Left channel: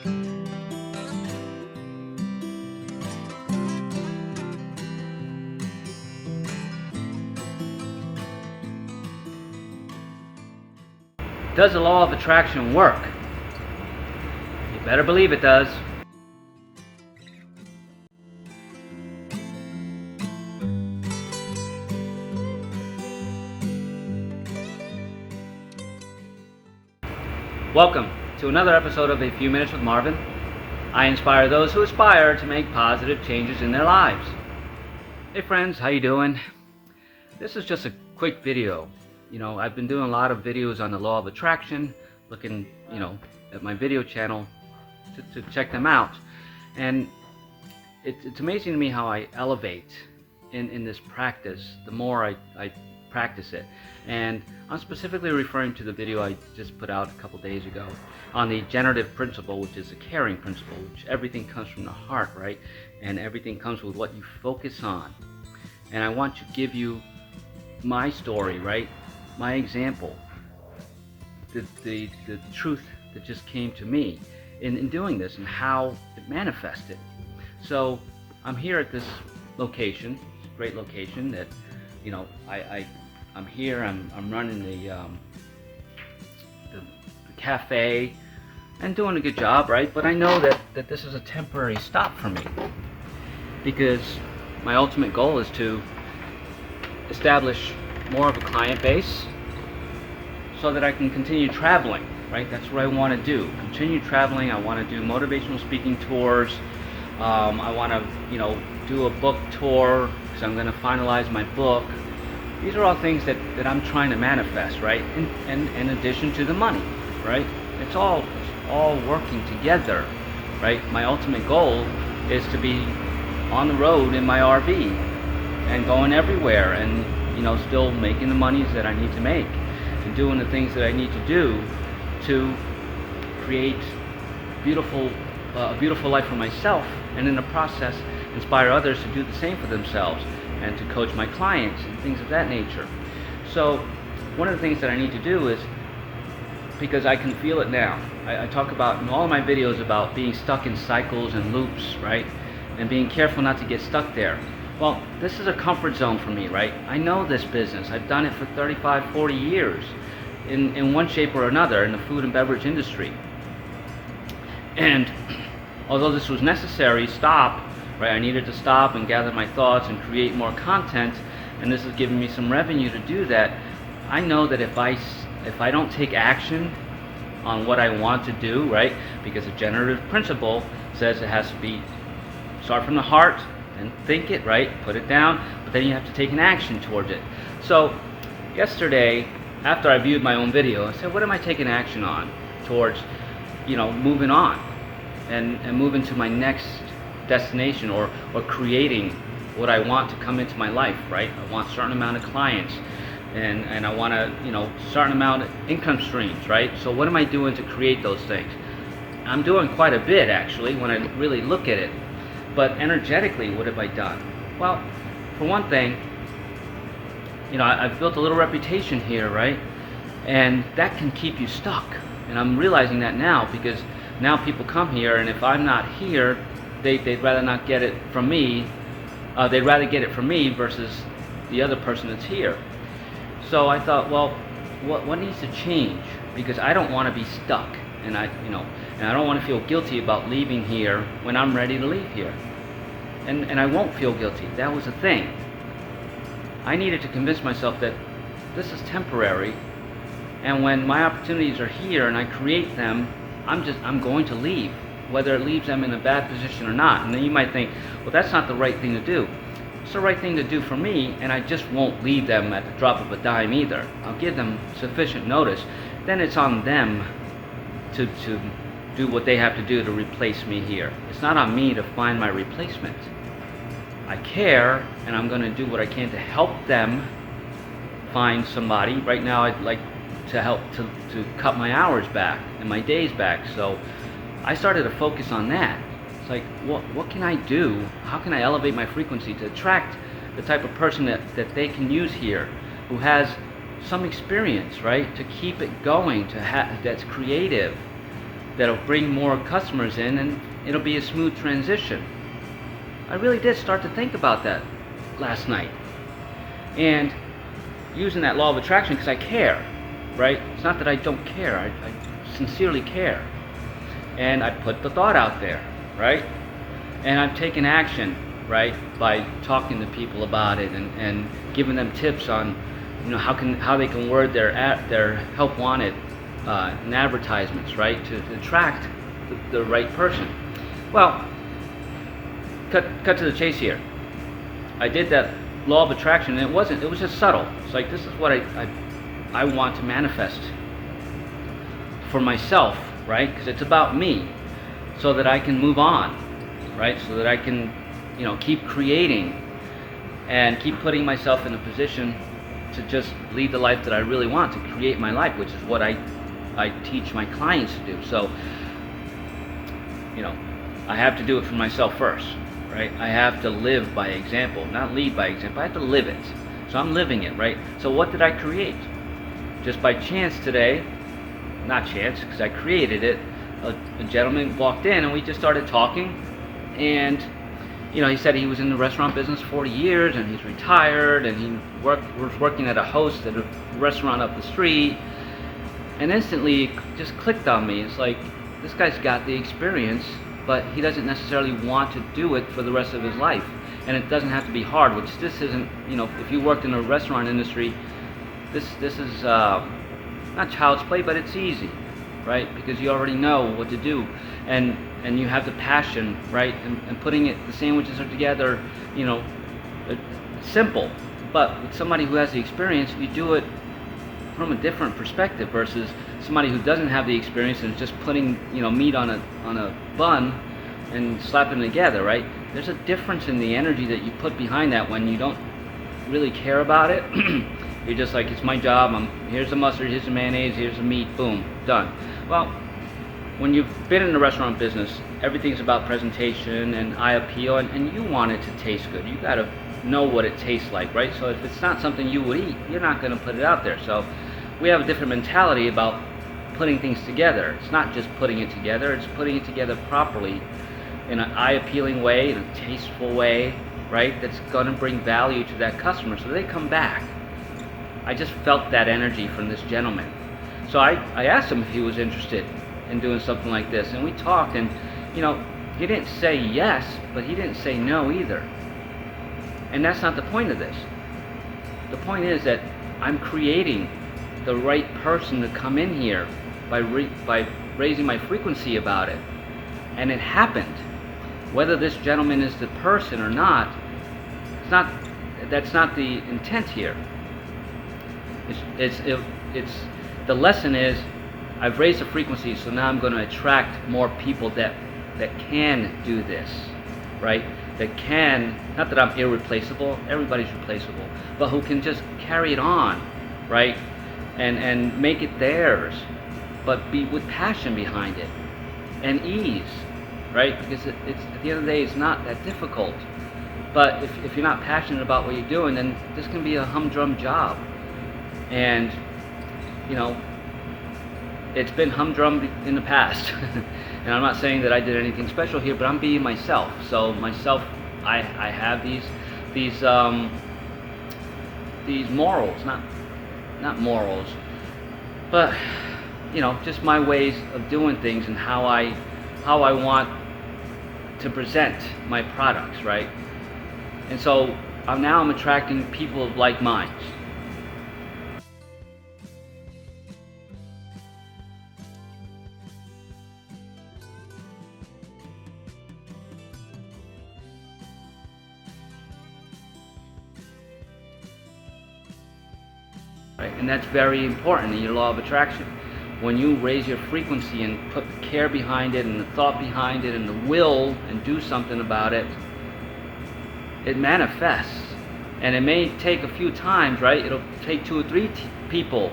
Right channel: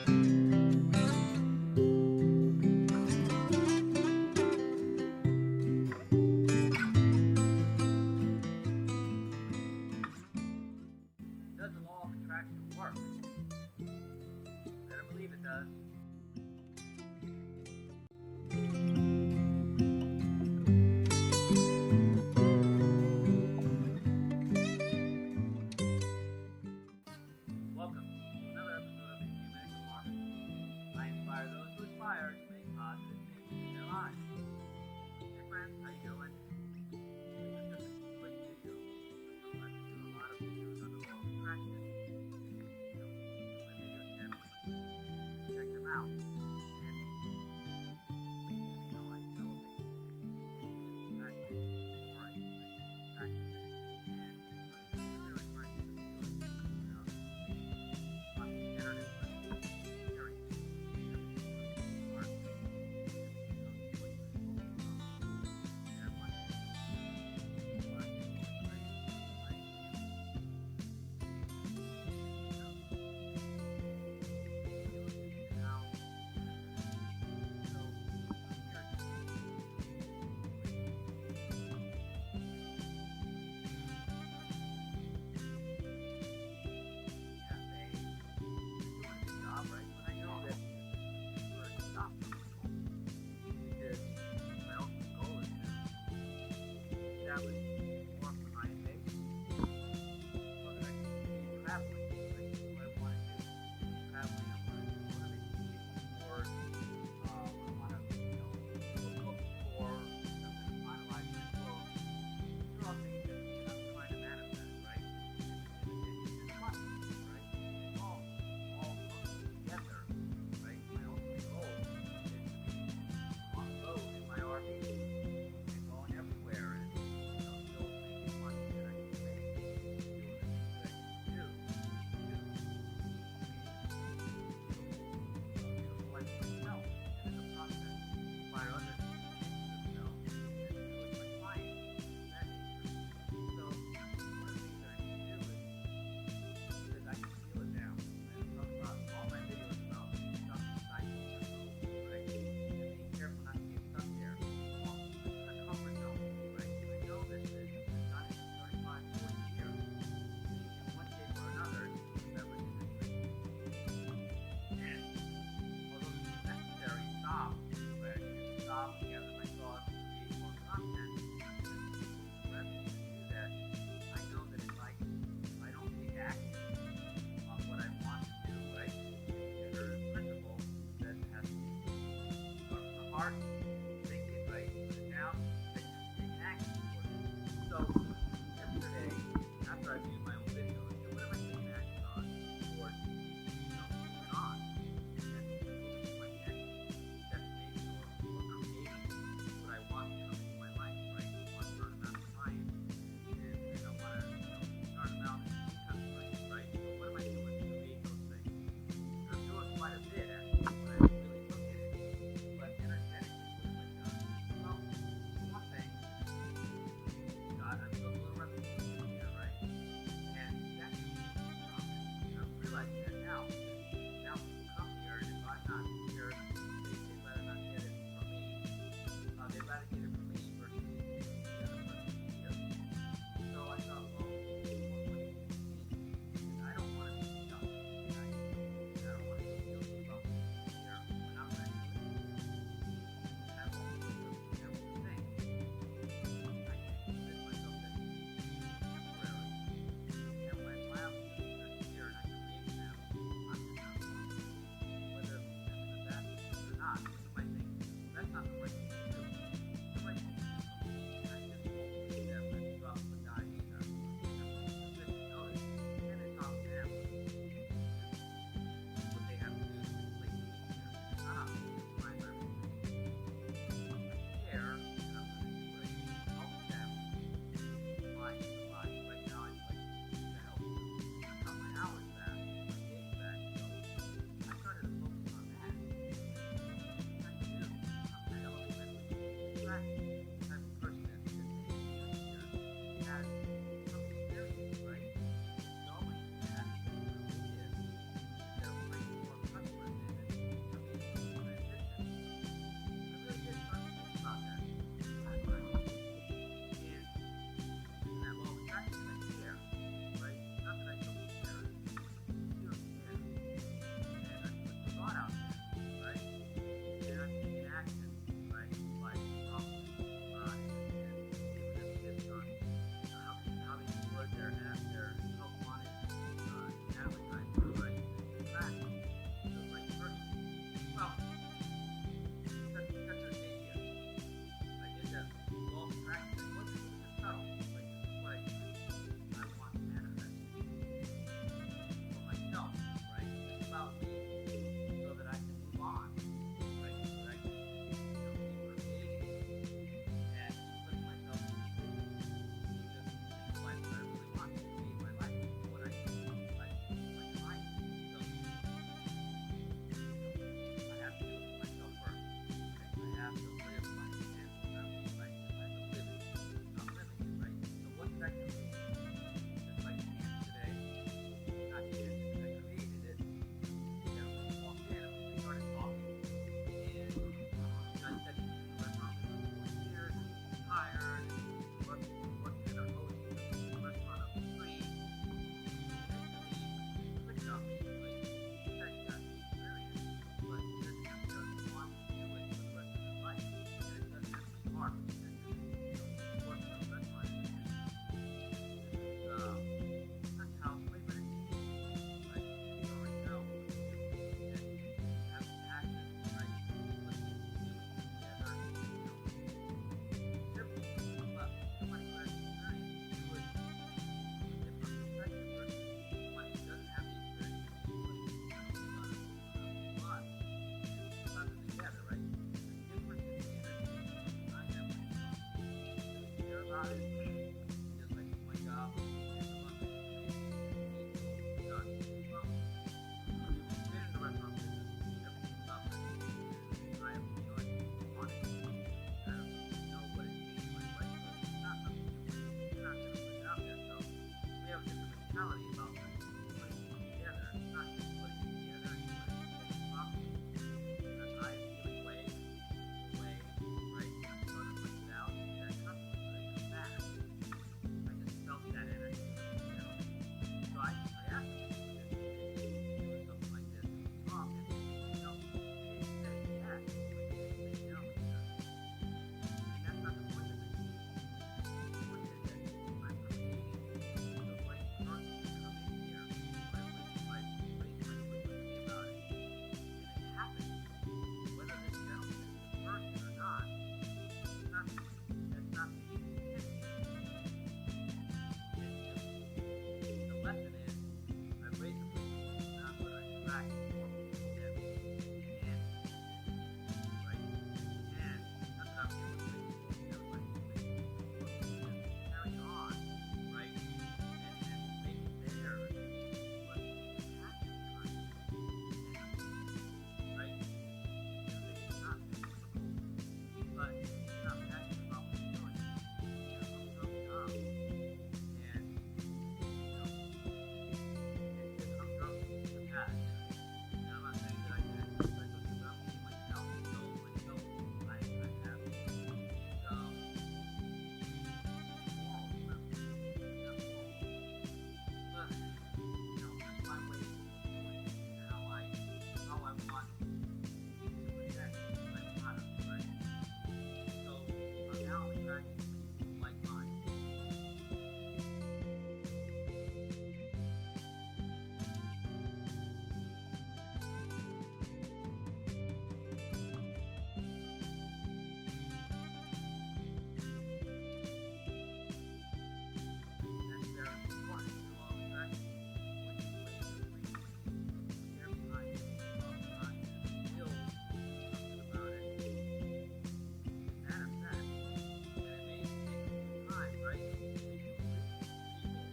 Does the law of attraction work? You better believe it does. Welcome to another episode of A Few Minutes with Marvin. I inspire those who aspire to make positive changes in their lives. Hey friends, how you doing? This is just a quick video. I've been doing a lot of videos on the law of attraction, looking, at my video channel to check them out. And it's amazing to me how I elevate in this practice the more I practice it. And I'm specifically referring to the video I just put out a couple days ago on the generative principle, which is a caring principle, which everything comes from the heart, right? And everything comes with what you focus on. And I want to give you my story, right? My example, the truth that just came to me in doing this and how it manifested. So I'm here at this location, great location that, I'm here, I'm running the cafe and doing a good job, right? But I know that this is a temporary stop for me because my ultimate goal is to establish more of a client base so that I can continue traveling, right? That's what I want to do. Continue traveling. I want to do motivational speaking tours. I want to, do a book tour because I'm going to finalize my book. These are all things that I'm trying to manifest, right? And in addition to the money, right? It's all working together, right? My ultimate goal is to be on the road in my RV and going everywhere and, still making the monies that I need to make and doing the things that I need to do to create a beautiful life for myself, and in the process inspire others to do the same for themselves and to coach my clients and things of that nature. So one of the things that I need to do is, because I can feel it now, I talk about in all of my videos about being stuck in cycles and loops, right? And being careful not to get stuck there. Well, this is a comfort zone for me, right? I know this business. I've done it for 35, 40 years in one shape or another in the food and beverage industry. And although this was necessary, right? I needed to stop and gather my thoughts and create more content, and this is giving me some revenue to do that. I know that if I don't take action on what I want to do, right? Because the generative principle says it has to start from the heart and think it, right? Put it down, but then you have to take an action towards it. So yesterday, after I viewed my own video, I said, what am I taking action on towards, moving on and moving to my next destination or creating what I want to come into my life, right? I want a certain amount of clients and I want a certain amount of income streams, right? So what am I doing to create those things? I'm doing quite a bit actually when I really look at it. But energetically, what have I done? Well, for one thing, I've built a little reputation here, right? And that can keep you stuck. And I'm realizing that now because now people come here, and if I'm not here, they'd rather not get it from me. They'd rather get it from me versus the other person that's here. So I thought, well, what needs to change? Because I don't want to be stuck, and I don't want to feel guilty about leaving here when I'm ready to leave here. And I won't feel guilty. That was the thing. I needed to convince myself that this is temporary, and when my opportunities are here and I create them, I'm going to leave, whether it leaves them in a bad position or not. And then you might think, well, that's not the right thing to do. It's the right thing to do for me, and I just won't leave them at the drop of a dime either. I'll give them sufficient notice. Then it's on them to do what they have to do to replace me here. It's not on me to find my replacement. I care, and I'm going to do what I can to help them find somebody. Right now, I'd like to help to cut my hours back and my days back. So I started to focus on that. It's like, what can I do? How can I elevate my frequency to attract the type of person that they can use here, who has some experience, right? To keep it going, that's creative, that'll bring more customers in, and it'll be a smooth transition. I really did start to think about that last night, and using that law of attraction, because I care, right? It's not that I don't care, I sincerely care. And I put the thought out there, right? And I've taken action, right, by talking to people about it and giving them tips on, how they can word their help wanted in advertisements, right, to attract the right person. Well, cut to the chase here. I did that law of attraction, and it was just subtle. It's like, this is what I want to manifest for myself, right? Because it's about me, so that I can move on, right? So that I can, keep creating and keep putting myself in a position to just lead the life that I really want, to create my life, which is what I teach my clients to do. So, I have to do it for myself first, right? I have to live by example, not lead by example. I have to live it. So I'm living it, right? So what did I create? Just by chance today, not chance, because I created it, a gentleman walked in and we just started talking, and he said he was in the restaurant business 40 years and he's retired, and he was working at a host at a restaurant up the street, and instantly it just clicked on me. It's like, this guy's got the experience, but he doesn't necessarily want to do it for the rest of his life. And it doesn't have to be hard, which this isn't, if you worked in the restaurant industry, this is not child's play, but it's easy, right? Because you already know what to do, and you have the passion, right? And putting the sandwiches are together, simple. But with somebody who has the experience, you do it from a different perspective versus somebody who doesn't have the experience and is just putting, meat on a bun and slapping it together, right? There's a difference in the energy that you put behind that when you don't really care about it. You're just like, it's my job, here's the mustard, here's the mayonnaise, here's the meat, boom, done. Well, when you've been in the restaurant business, everything's about presentation and eye appeal, and you want it to taste good. You gotta know what it tastes like, right? So if it's not something you would eat, you're not gonna put it out there. So we have a different mentality about putting things together. It's not just putting it together, it's putting it together properly in an eye-appealing way, in a tasteful way, right? That's gonna bring value to that customer so they come back. I just felt that energy from this gentleman. So I asked him if he was interested in doing something like this, and we talked, and he didn't say yes, but he didn't say no either. And that's not the point of this. The point is that I'm creating the right person to come in here by raising my frequency about it. And it happened. Whether this gentleman is the person or not, that's not the intent here. It's the lesson is, I've raised the frequency, so now I'm going to attract more people that can do this, right? That can, not that I'm irreplaceable, everybody's replaceable, but who can just carry it on, right? And make it theirs, but be with passion behind it and ease, right? Because it's at the end of the day, it's not that difficult. But if you're not passionate about what you're doing, then this can be a humdrum job. And it's been humdrum in the past. And I'm not saying that I did anything special here, but I'm being myself. So myself, I have these morals, not morals, but just my ways of doing things and how I want to present my products, right? And so now I'm attracting people of like minds. Right? And that's very important in your law of attraction. When you raise your frequency and put care behind it and the thought behind it and the will and do something about it, it manifests. And it may take a few times, right? It'll take 2 or 3 people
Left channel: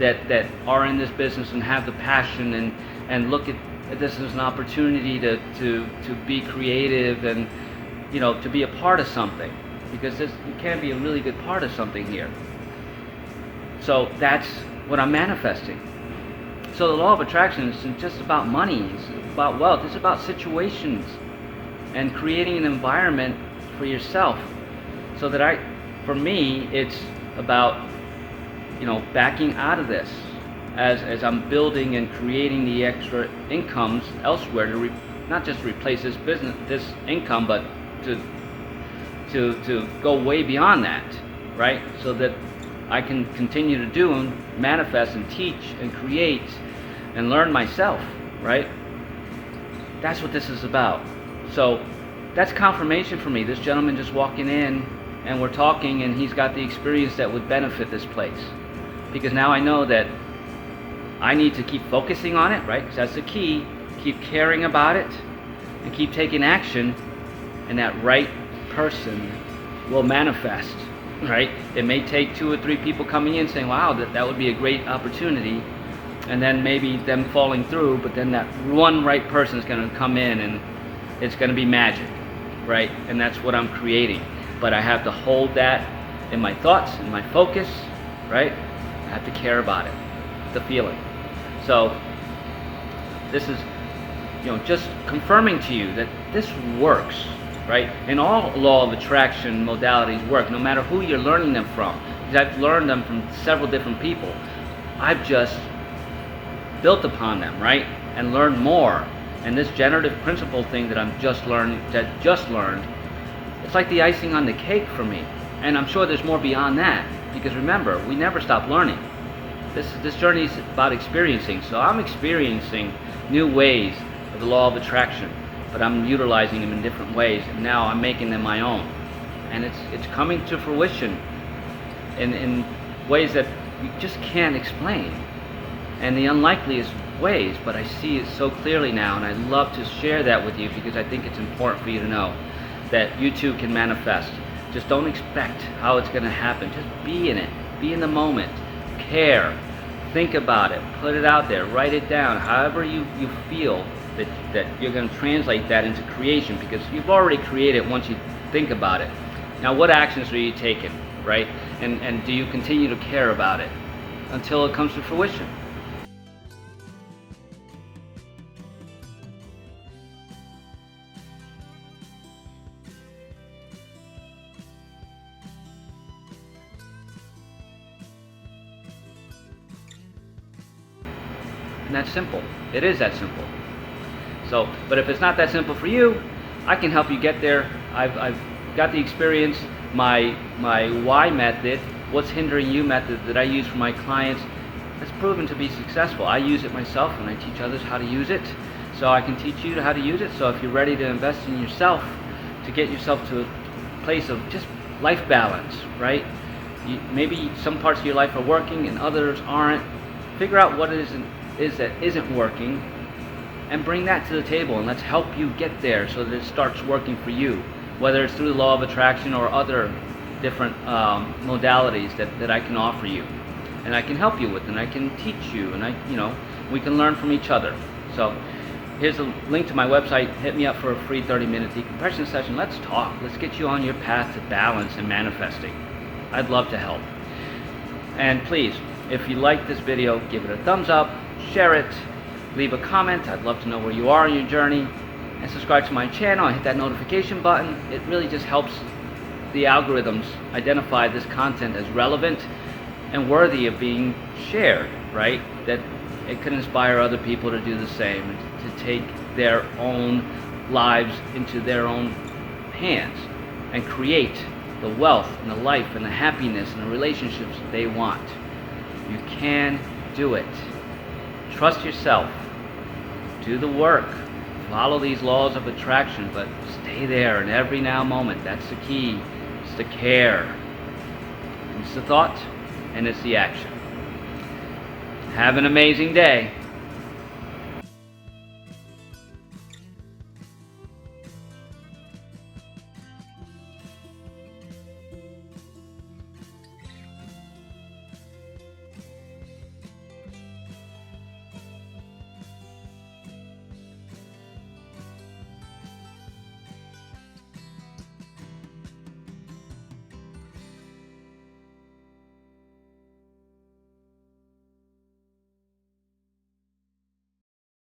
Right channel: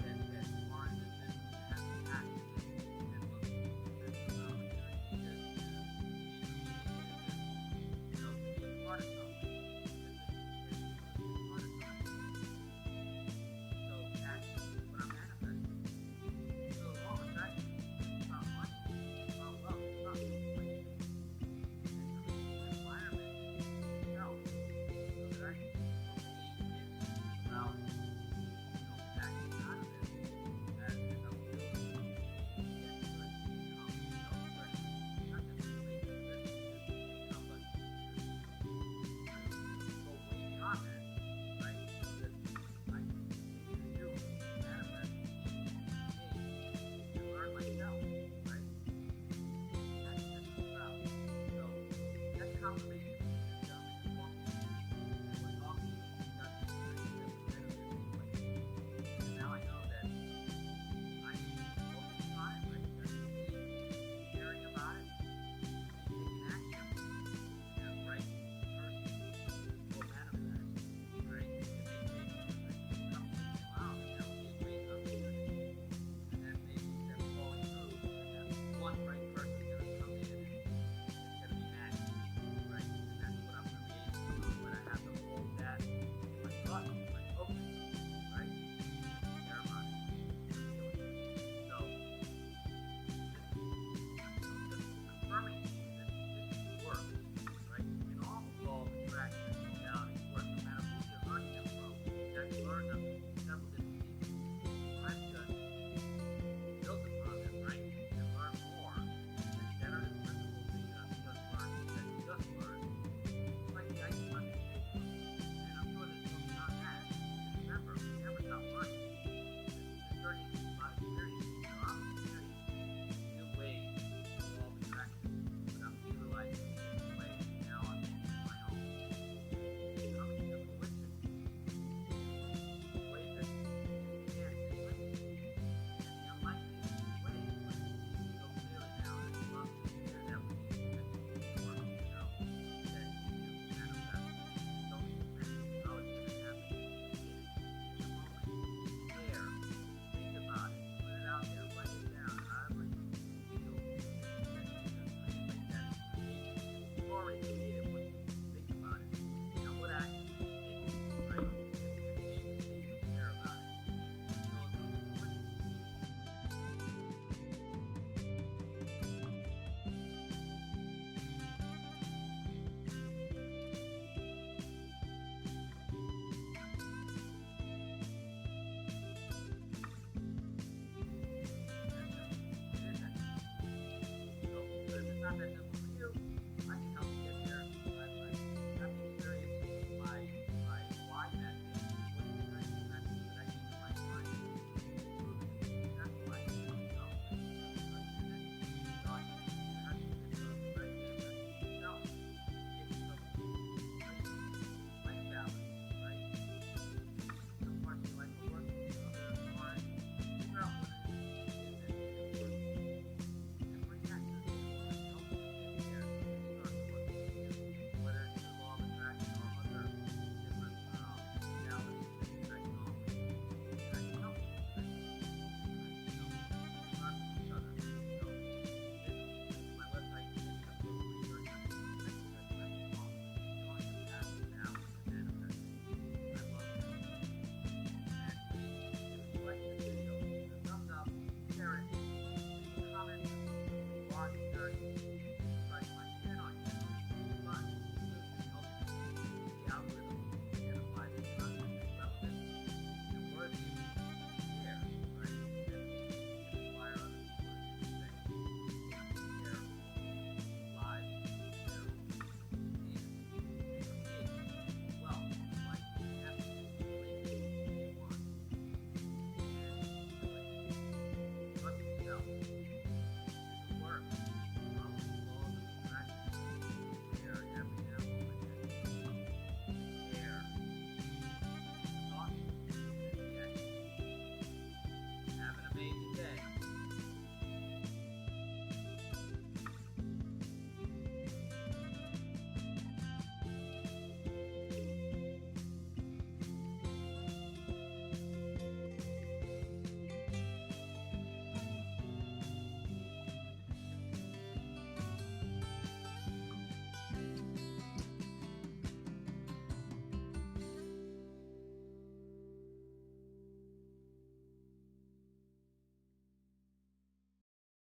that are in this business and have the passion and look at this as an opportunity to be creative and to be a part of something, because you can be a really good part of something here. So that's what I'm manifesting. So the law of attraction isn't just about money, it's about wealth, it's about situations and creating an environment for yourself. So that for me, it's about, backing out of this as I'm building and creating the extra incomes elsewhere to not just replace this income, but to go way beyond that, right? So that I can continue to do and manifest and teach and create and learn myself, right? That's what this is about. So that's confirmation for me. This gentleman just walking in and we're talking and he's got the experience that would benefit this place. Because now I know that I need to keep focusing on it, right? Because that's the key. Keep caring about it and keep taking action, and that right person will manifest, right? It may take 2 or 3 people coming in saying, wow, that would be a great opportunity, and then maybe them falling through, but then that one right person is going to come in and it's going to be magic, right? And that's what I'm creating. But I have to hold that in my thoughts, in my focus, right? I have to care about it, the feeling. So this is, just confirming to you that this works, right? And all law of attraction modalities work, no matter who you're learning them from. Because I've learned them from several different people. I've just built upon them, right? And learned more. And this generative principle thing that I've just learned, it's like the icing on the cake for me. And I'm sure there's more beyond that. Because remember, we never stop learning. This journey is about experiencing. So I'm experiencing new ways of the law of attraction, but I'm utilizing them in different ways, and now I'm making them my own. And it's coming to fruition in ways that you just can't explain, and the unlikeliest ways, but I see it so clearly now, and I love to share that with you because I think it's important for you to know that you too can manifest. Just don't expect how it's going to happen. Just be in it. Be in the moment. Care. Think about it. Put it out there. Write it down. However you feel that you're going to translate that into creation, because you've already created once you think about it. Now, what actions are you taking, right? And do you continue to care about it until it comes to fruition? And that's simple. It is that simple. So, but if it's not that simple for you, I can help you get there. I've got the experience. My why method, what's hindering you method that I use for my clients, has proven to be successful. I use it myself and I teach others how to use it. So I can teach you how to use it. So if you're ready to invest in yourself, to get yourself to a place of just life balance, right? Maybe some parts of your life are working and others aren't. Figure out what it is that isn't working, and bring that to the table, and let's help you get there so that it starts working for you, whether it's through the law of attraction or other different modalities that I can offer you, and I can help you with, and I can teach you, and we can learn from each other. So here's a link to my website. Hit me up for a free 30-minute decompression session. Let's talk. Let's get you on your path to balance and manifesting. I'd love to help. And please, if you like this video, give it a thumbs up, share it, leave a comment. I'd love to know where you are in your journey, and subscribe to my channel and hit that notification button. It really just helps the algorithms identify this content as relevant and worthy of being shared, right? That it could inspire other people to do the same, and to take their own lives into their own hands and create the wealth and the life and the happiness and the relationships that they want. You can do it. Trust yourself. Do the work. Follow these laws of attraction, but stay there in every now moment. That's the key. It's the care. It's the thought, and it's the action. Have an amazing day.